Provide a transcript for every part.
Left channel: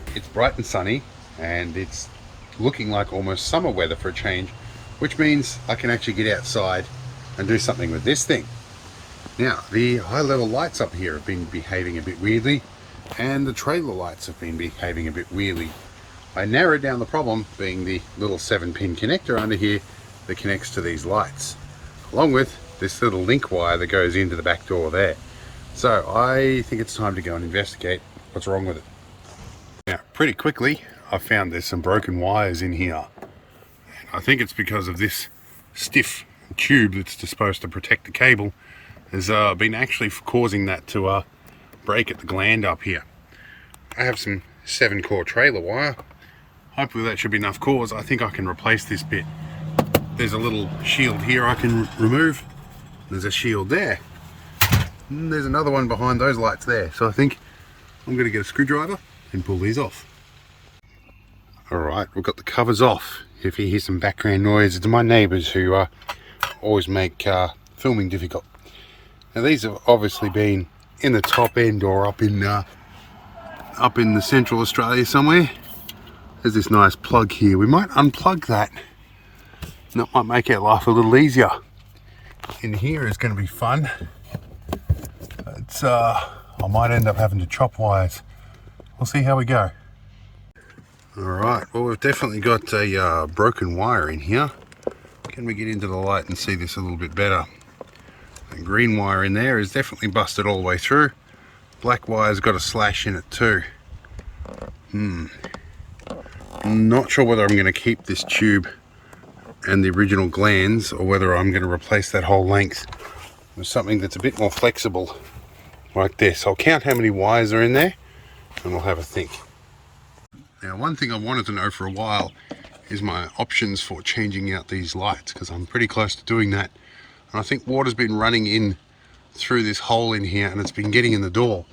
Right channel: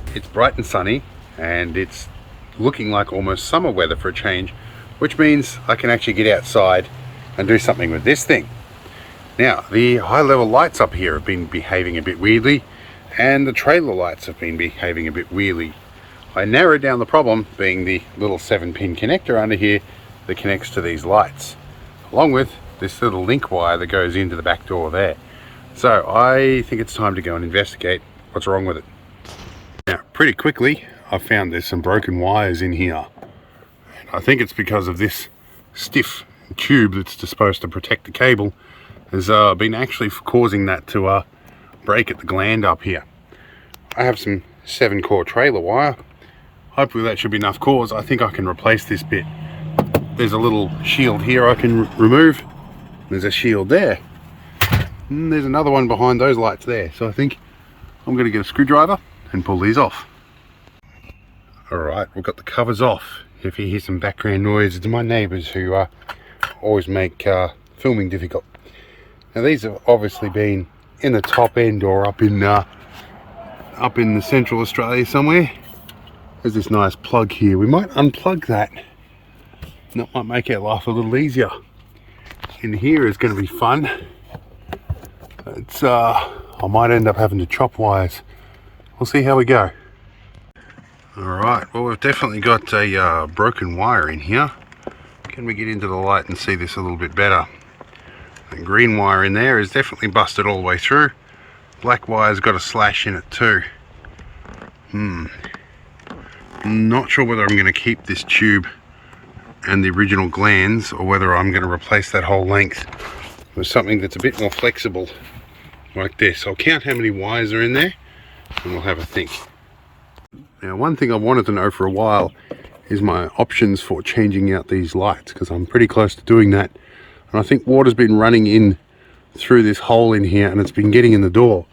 Alright, it's bright and sunny and it's looking like almost summer weather for a change, which means I can actually get outside and do something with this thing. Now, the high level lights up here have been behaving a bit weirdly, and the trailer lights have been behaving a bit weirdly. I narrowed down the problem being the little 7-pin connector under here that connects to these lights, along with this little link wire that goes into the back door there. So I think it's time to go and investigate what's wrong with it. Now, pretty quickly I found there's some broken wires in here. I think it's because of this stiff tube that's supposed to protect the cable has been actually causing that to break at the gland up here. I have some 7-core trailer wire. Hopefully that should be enough cause. I think I can replace this bit. There's a little shield here I can remove. There's a shield there. And there's another one behind those lights there. So I think I'm going to get a screwdriver and pull these off. Alright, we've got the covers off. If you hear some background noise, it's my neighbours who always make filming difficult. Now these have obviously been in the top end or up in the Central Australia somewhere. There's this nice plug here. We might unplug that. That might make our life a little easier. In here is going to be fun. It's I might end up having to chop wires. We'll see how we go. Alright, well, we've definitely got a broken wire in here. Can we get into the light and see this a little bit better? The green wire in there is definitely busted all the way through. Black wire's got a slash in it too. Not sure whether I'm going to keep this tube and the original glands or whether I'm going to replace that whole length with something that's a bit more flexible like this. I'll count how many wires are in there and we'll have a think. Now, one thing I wanted to know for a while is my options for changing out these lights, because I'm pretty close to doing that. And I think water's been running in through this hole in here and it's been getting in the door.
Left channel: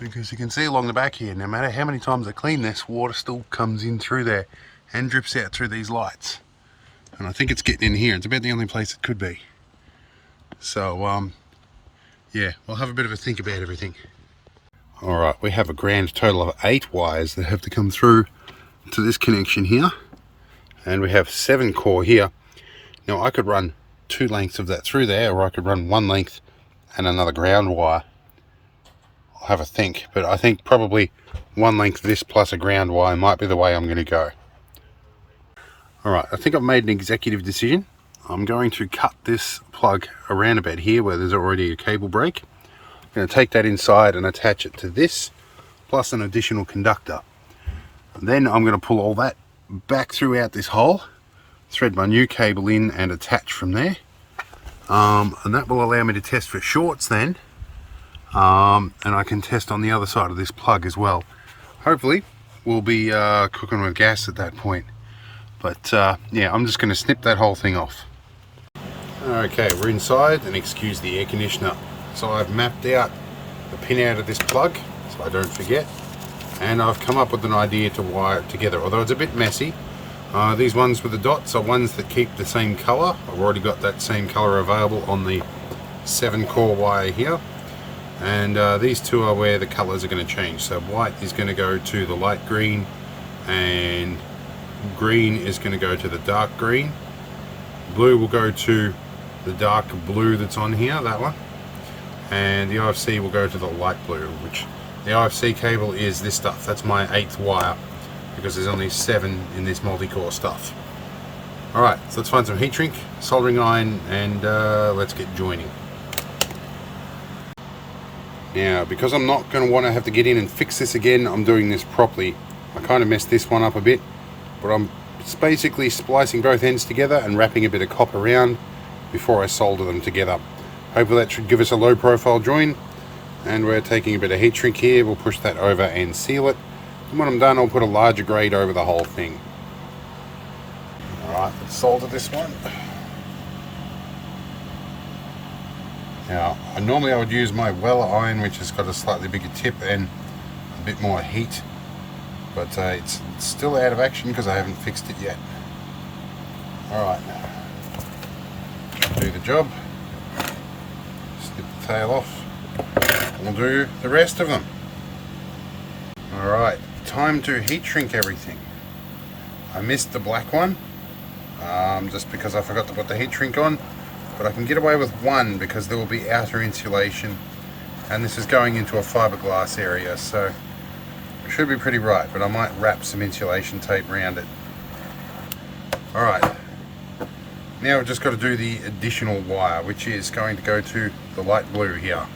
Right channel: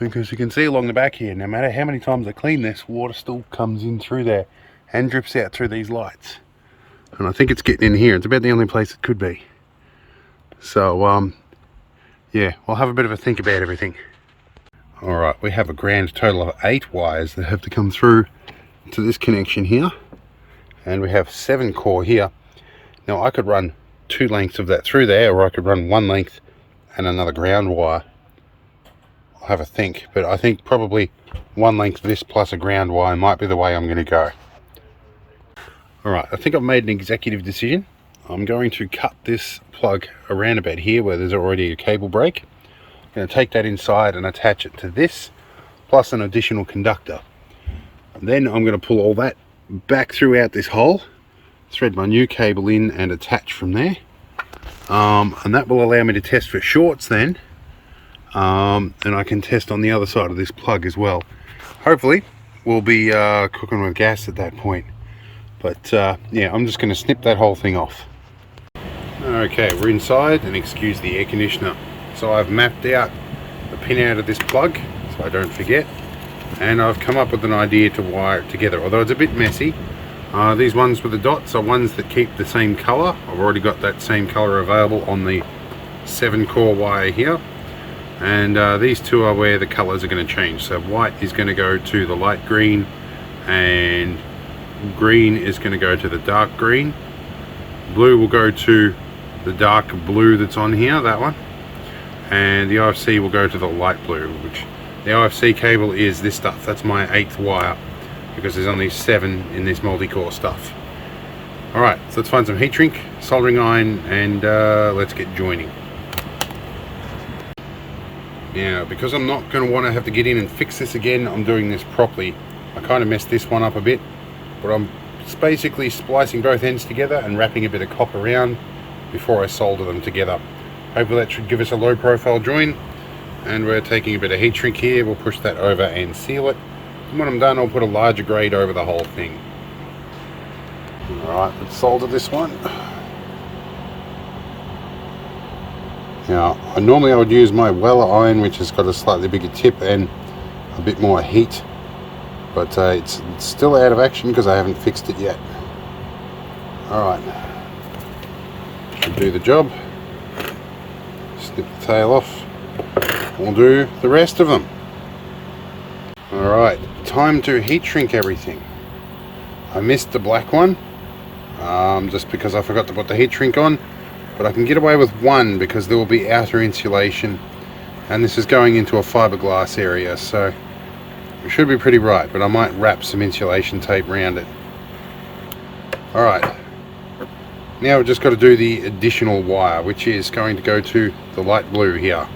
Because you can see along the back here, no matter how many times I clean this, water still comes in through there and drips out through these lights. And I think it's getting in here. It's about the only place it could be. So, yeah, we'll have a bit of a think about everything. Alright, we have a grand total of 8 wires that have to come through to this connection here. And we have 7 core here. Now I could run 2 lengths of that through there, or I could run 1 length and another ground wire. I'll have a think, but I think probably 1 length of this plus a ground wire might be the way I'm going to go. Alright, I think I've made an executive decision. I'm going to cut this plug around about here where there's already a cable break. I'm going to take that inside and attach it to this, plus an additional conductor. And then I'm going to pull all that back throughout this hole, thread my new cable in and attach from there. And that will allow me to test for shorts then. And I can test on the other side of this plug as well. Hopefully we'll be cooking with gas at that point. But yeah, I'm just going to snip that whole thing off. Okay, we're inside, and excuse the air conditioner. So I've mapped out the pin out of this plug so I don't forget, and I've come up with an idea to wire it together, although it's a bit messy. These ones with the dots are ones that keep the same color. I've already got that same color available on the 7-core wire here, and these 2 are where the colors are going to change. So white is going to go to the light green and green is going to go to the dark green. Blue will go to the dark blue that's on here, that one, and the IFC will go to the light blue, which the IFC cable is this stuff. That's my 8th wire, because there's only 7 in this multi-core stuff. Alright, so let's find some heat shrink, soldering iron, and let's get joining. Now, because I'm not going to want to have to get in and fix this again, I'm doing this properly. I kind of messed this one up a bit, but I'm basically splicing both ends together and wrapping a bit of copper around before I solder them together. Hopefully that should give us a low profile join, and we're taking a bit of heat shrink here. We'll push that over and seal it, and when I'm done I'll put a larger grade over the whole thing. Alright, let's solder this one. Now, normally I would use my Weller iron, which has got a slightly bigger tip and a bit more heat, but it's still out of action because I haven't fixed it yet. Alright, should do the job. Snip the tail off. We'll do the rest of them. Alright, time to heat shrink everything. I missed the black one, just because I forgot to put the heat shrink on, but I can get away with one because there will be outer insulation, and this is going into a fiberglass area, so it should be pretty bright, but I might wrap some insulation tape around it. Alright, now we've just got to do the additional wire, which is going to go to the light blue here.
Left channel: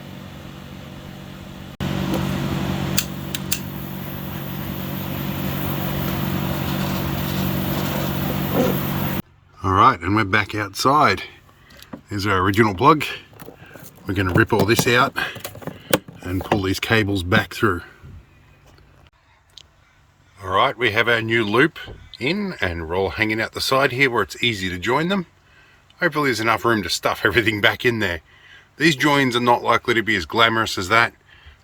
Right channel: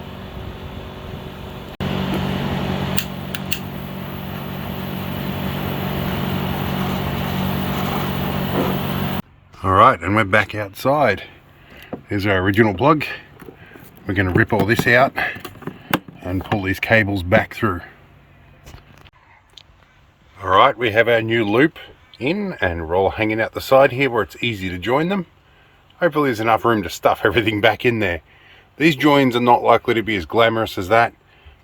Alright, and we're back outside. Here's our original plug. We're going to rip all this out and pull these cables back through. Alright, we have our new loop in, and we're all hanging out the side here where it's easy to join them. Hopefully there's enough room to stuff everything back in there. These joins are not likely to be as glamorous as that,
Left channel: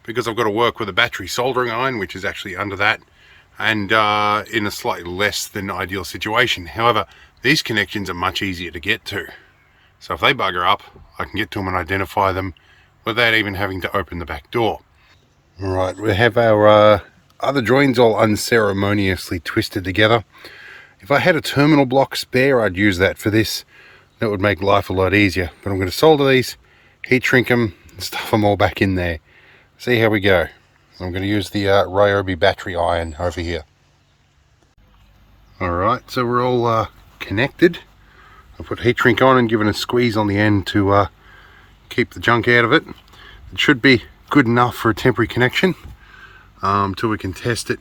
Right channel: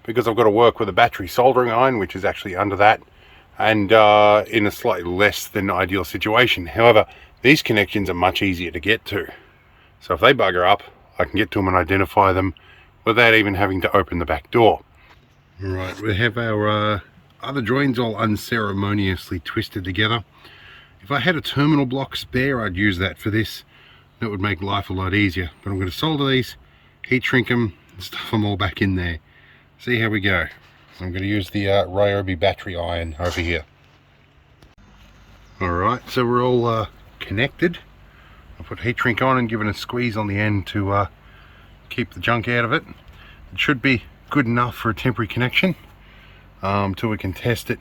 because I've got to work with a battery soldering iron, which is actually under that, and in a slightly less than ideal situation. However, these connections are much easier to get to. So if they bugger up, I can get to them and identify them without even having to open the back door. Alright, we have our other joins all unceremoniously twisted together. If I had a terminal block spare, I'd use that for this. That would make life a lot easier. But I'm going to solder these, heat shrink them, and stuff them all back in there. See how we go. I'm going to use the Ryobi battery iron over here. Alright, so we're all connected. I'll put heat shrink on and give it a squeeze on the end to keep the junk out of it. It should be good enough for a temporary connection till we can test it.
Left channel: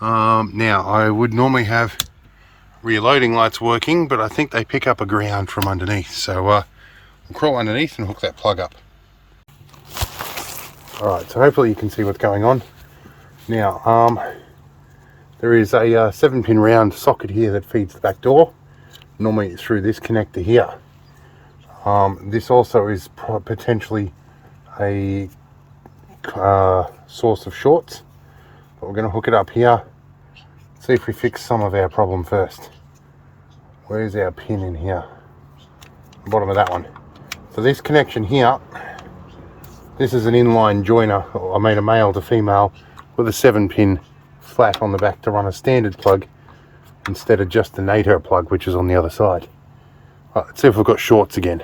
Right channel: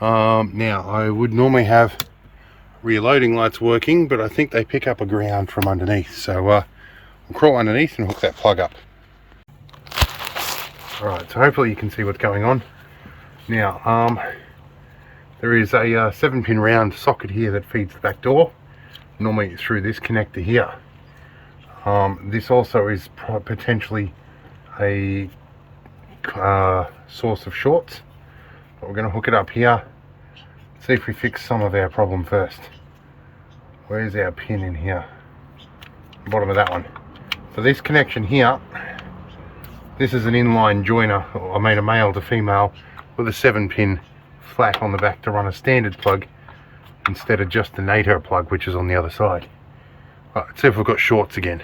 Now, I would normally have rear loading lights working, but I think they pick up a ground from underneath, so we'll crawl underneath and hook that plug up. Alright, so hopefully you can see what's going on. Now, there is a 7-pin round socket here that feeds the back door, normally through this connector here. This also is potentially a source of shorts, but we're going to hook it up here, see if we fix some of our problem first. Where's our pin in here? The bottom of that one. For this connection here, this is an inline joiner, I mean a male to female, with a 7-pin flat on the back to run a standard plug instead of just the NATO plug, which is on the other side. Right, let's see if we've got shorts again.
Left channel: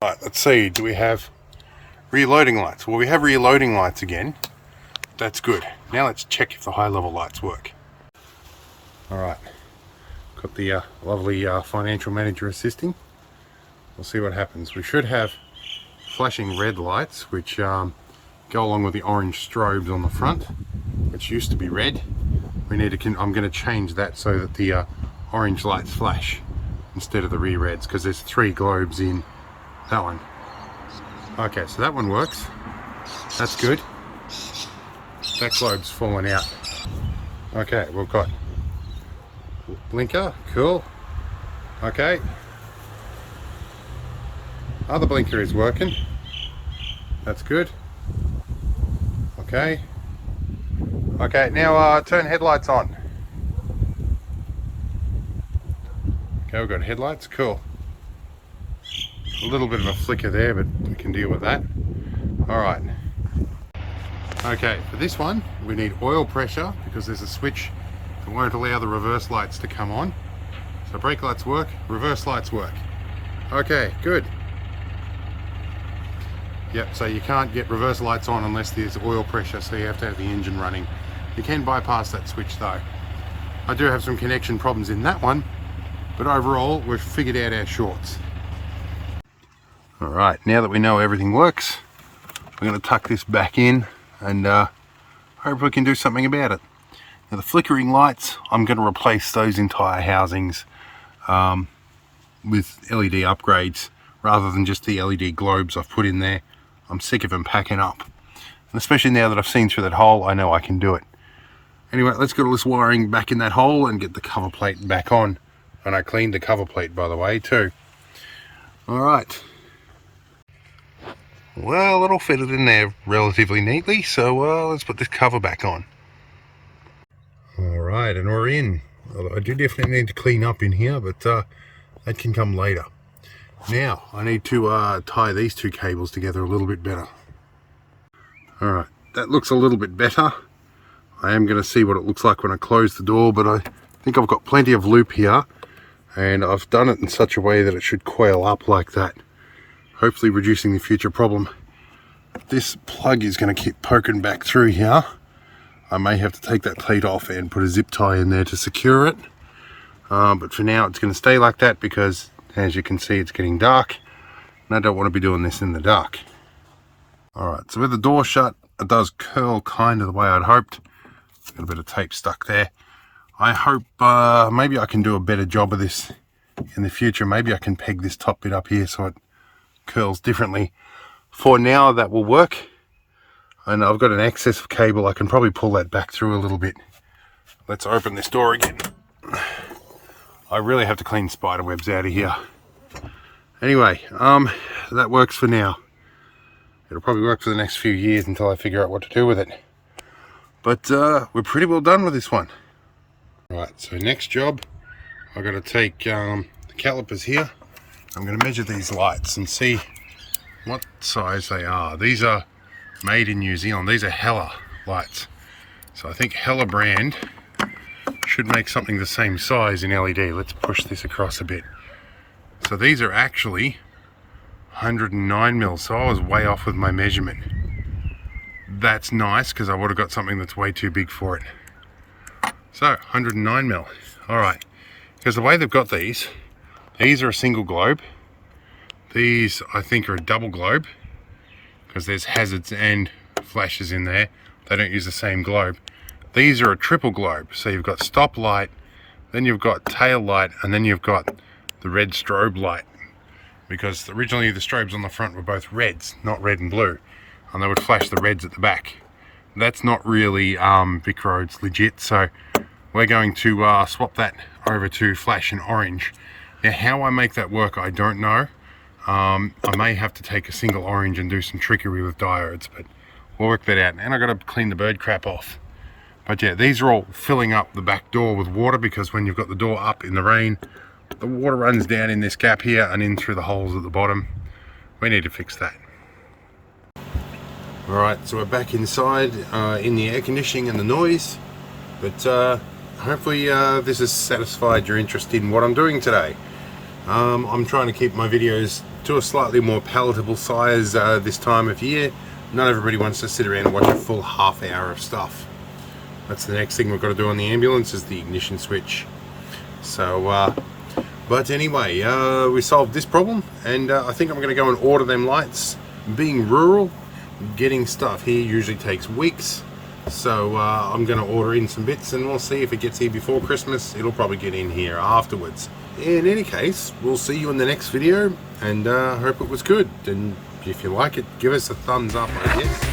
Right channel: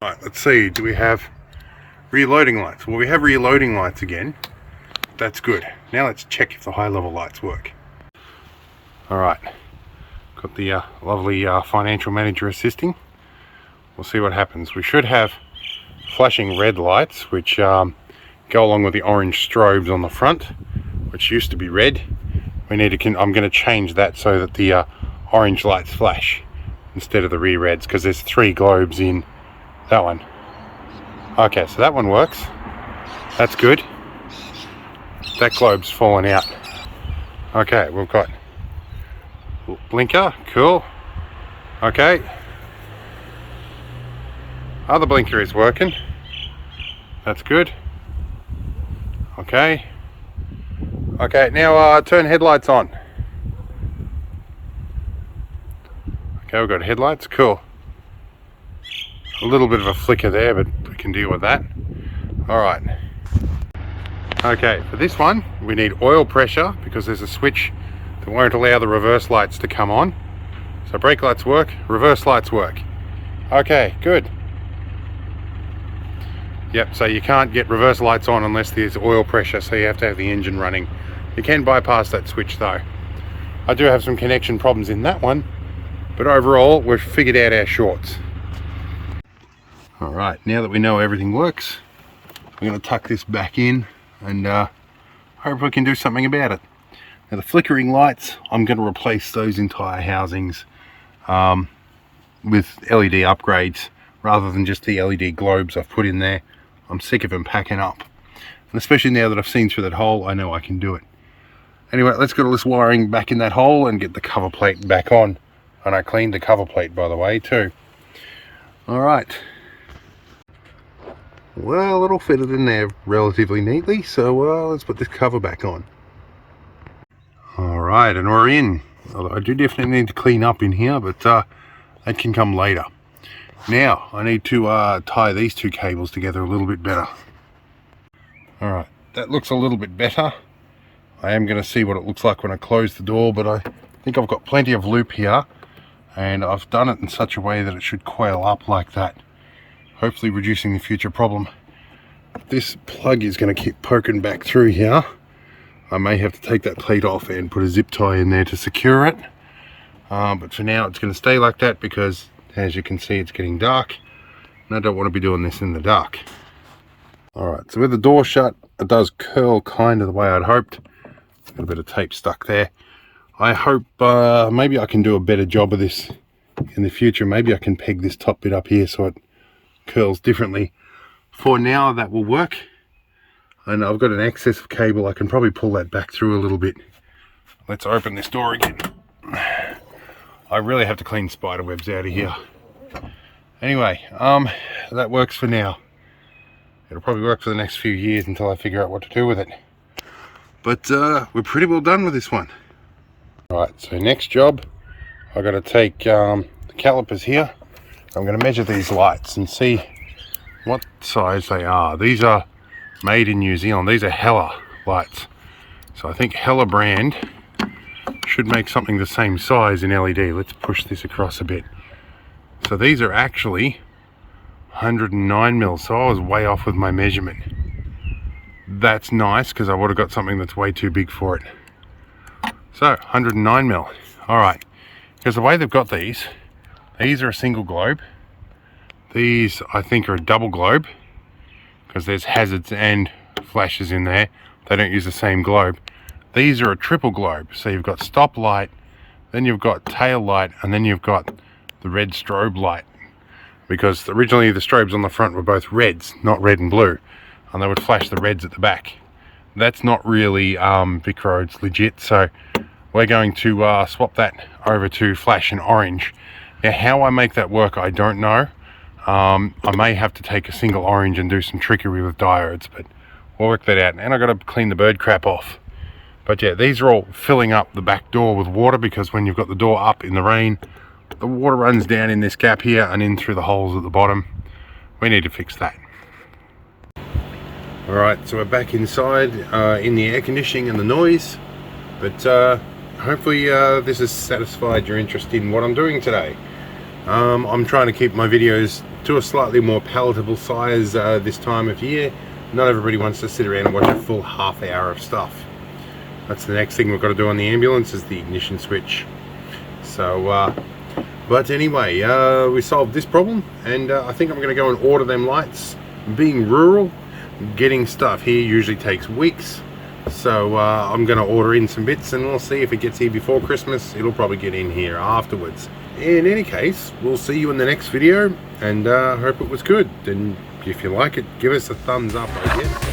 Right, let's see, do we have rear loading lights? Well, we have rear loading lights again. That's good. Now let's check if the high level lights work. Alright, got the lovely financial manager assisting. We'll see what happens. We should have flashing red lights, which go along with the orange strobes on the front, which used to be red. We need to, I'm going to change that so that the orange lights flash instead of the rear reds, because there's 3 globes in that one. Okay, so that one works. That's good. That globe's fallen out. Okay, we've got blinker, cool. Okay. Other blinker is working. That's good. Okay. Okay, now turn headlights on. Okay, we've got headlights, cool. A little bit of a flicker there, but we can deal with that. Alright. Okay, for this one, we need oil pressure because there's a switch that won't allow the reverse lights to come on. So brake lights work, reverse lights work. Okay, good. Yep, so you can't get reverse lights on unless there's oil pressure, so you have to have the engine running. You can bypass that switch though. I do have some connection problems in that one, but overall we've figured out our shorts. Alright, now that we know everything works, we're going to tuck this back in and hope we can do something about it. Now the flickering lights, I'm going to replace those entire housings with LED upgrades rather than just the LED globes I've put in there. I'm sick of them packing up. And especially now that I've seen through that hole, I know I can do it. Anyway, let's get all this wiring back in that hole and get the cover plate back on. And I cleaned the cover plate, by the way, too. Alright. Well, it'll fit it in there relatively neatly, so let's put this cover back on. Alright, and we're in. Although I do definitely need to clean up in here, but that can come later. Now, I need to tie these 2 cables together a little bit better. Alright, that looks a little bit better. I am going to see what it looks like when I close the door, but I think I've got plenty of loop here, and I've done it in such a way that it should coil up like that, hopefully reducing the future problem. This plug is going to keep poking back through here. I may have to take that plate off and put a zip tie in there to secure it, but for now it's going to stay like that because, as you can see, it's getting dark and I don't want to be doing this in the dark. Alright, so with the door shut, it does curl kind of the way I'd hoped. Got a bit of tape stuck there. I hope maybe I can do a better job of this in the future. Maybe I can peg this top bit up here so it curls differently. For now, that will work. And I've got an excess of cable. I can probably pull that back through a little bit. Let's open this door again. I really have to clean spider webs out of here. Anyway, that works for now. It'll probably work for the next few years until I figure out what to do with it. But we're pretty well done with this one. Right, so next job, I've got to take the calipers here. I'm going to measure these lights and see what size they are. These are made in New Zealand. These are Hella lights. So I think Hella brand should make something the same size in LED. Let's push this across a bit. So these are actually 109 mil, so I was way off with my measurement. That's nice because I would have got something that's way too big for it. So 109 mil. Alright, because the way they've got these are a single globe. These I think are a double globe because there's hazards and flashes in there. They don't use the same globe. These are a triple globe, so you've got stop light, then you've got tail light, and then you've got the red strobe light, because originally the strobes on the front were both reds, not red and blue, and they would flash the reds at the back. That's not really Vic Roads legit, so we're going to swap that over to flash and orange. Now how I make that work I don't know. I may have to take a single orange and do some trickery with diodes, but we'll work that out. And I've got to clean the bird crap off. But yeah, these are all filling up the back door with water, because when you've got the door up in the rain, the water runs down in this gap here and in through the holes at the bottom. We need to fix that. Alright, so we're back inside in the air conditioning and the noise, but hopefully this has satisfied your interest in what I'm doing today. I'm trying to keep my videos to a slightly more palatable size this time of year. Not everybody wants to sit around and watch a full half hour of stuff. That's the next thing we've got to do on the ambulance, is the ignition switch. So but anyway, we solved this problem, and I think I'm going to go and order them lights. Being rural, getting stuff here usually takes weeks, so I'm going to order in some bits and we'll see if it gets here before Christmas. It'll probably get in here afterwards. In any case, we'll see you in the next video, and hope it was good. And if you like it, give us a thumbs up, I guess.